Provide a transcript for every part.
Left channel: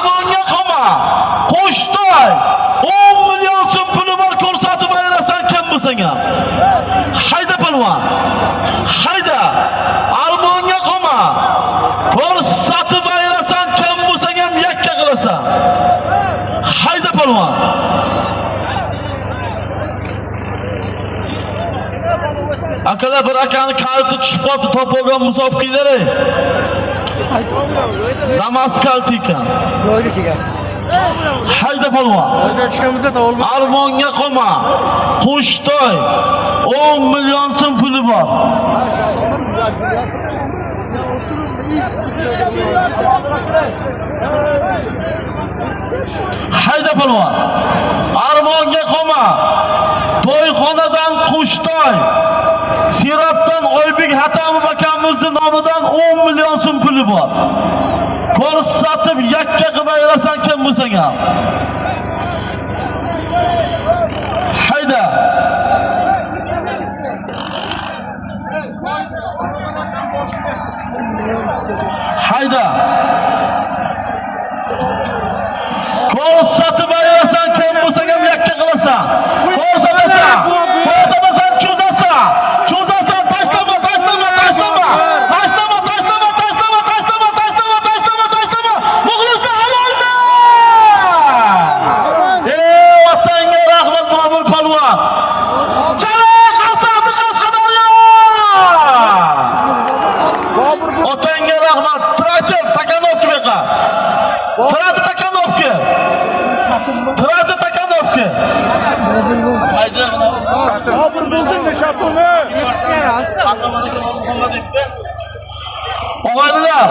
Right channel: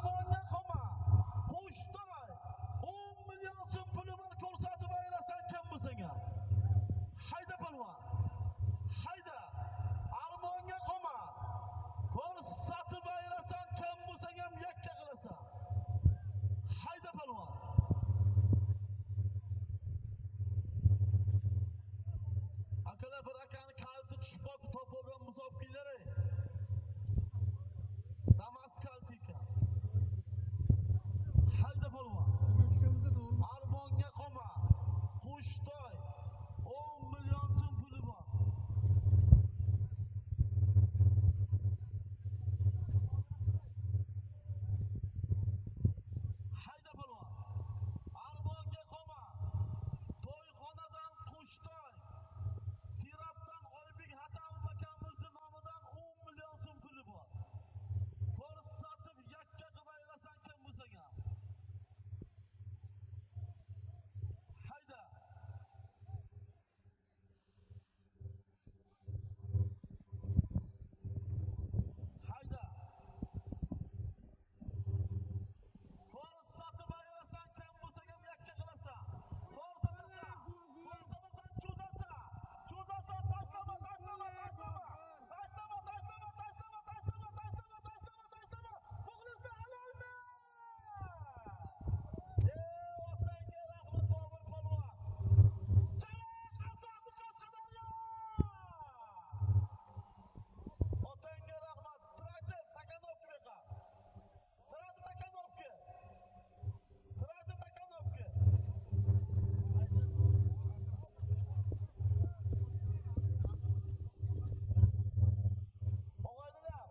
Armonga qolma. Qo'shtoy. 10 million so'm puli bor ko'rsatib ayrasan kim bo'lsang ham. Hayda palvon. Hayda. Armonga qolma. Ko'rsatib ayrasan kim bo'lsang ham yakka qilasan. Hayda palvon. Akalar bir akani kalti tushib qoldi, topolgan musof qildilar. Namoz kalti ekan. Yo'lga chiqar. Hayda palvon. Yo'lga chiqamizda topolma. Armonga qolma. Qo'shtoy. 10 million so'm puli bor. Hayda palvon. Armonga qolma. To'yxonadan Qo'shtoy. Sirotdan Oybek Hatamov akamizning nomidan 10 million so'm puli bor. Ko'rsatib yakka qilib ayrasan kim bo'lsang ham. Hayda. Hayda. Ko'rsatib ayrasan kim bo'lsang ham yakka qilasan. Ko'rsatasan. Ko'rsatasan, cho'zasan. Cho'zasan, tashlama, tashlama, tashlama. Tashlama, tashlama, tashlama, tashlama, tashlama, tashlama, tashlama. Muxlislar halolmi? Vatanga rahmat Bobur palvon. Chaloq asadi Qashqadaryo. Otanga rahmat. Traktor Takanovka beqa. Traktor Takanovka. Traktor Takanovka. Hayda. Bobur bo'ldingmi shatuni? Og'aynilar,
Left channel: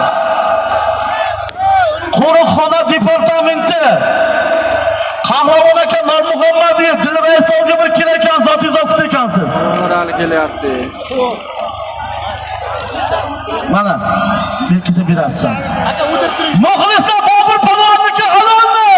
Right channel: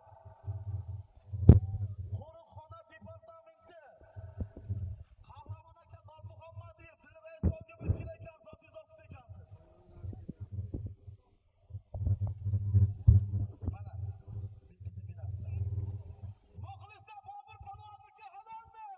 qo'riqxona departamenti Qahramon aka Nurmuhammadiyev Dilrais tog'ga bir kelar ekan, zotingiz olib ekansiz. Umarali kelyapti. Mana, bir kishi berasiz. Muxlislar Bobur palvonniki halolmi?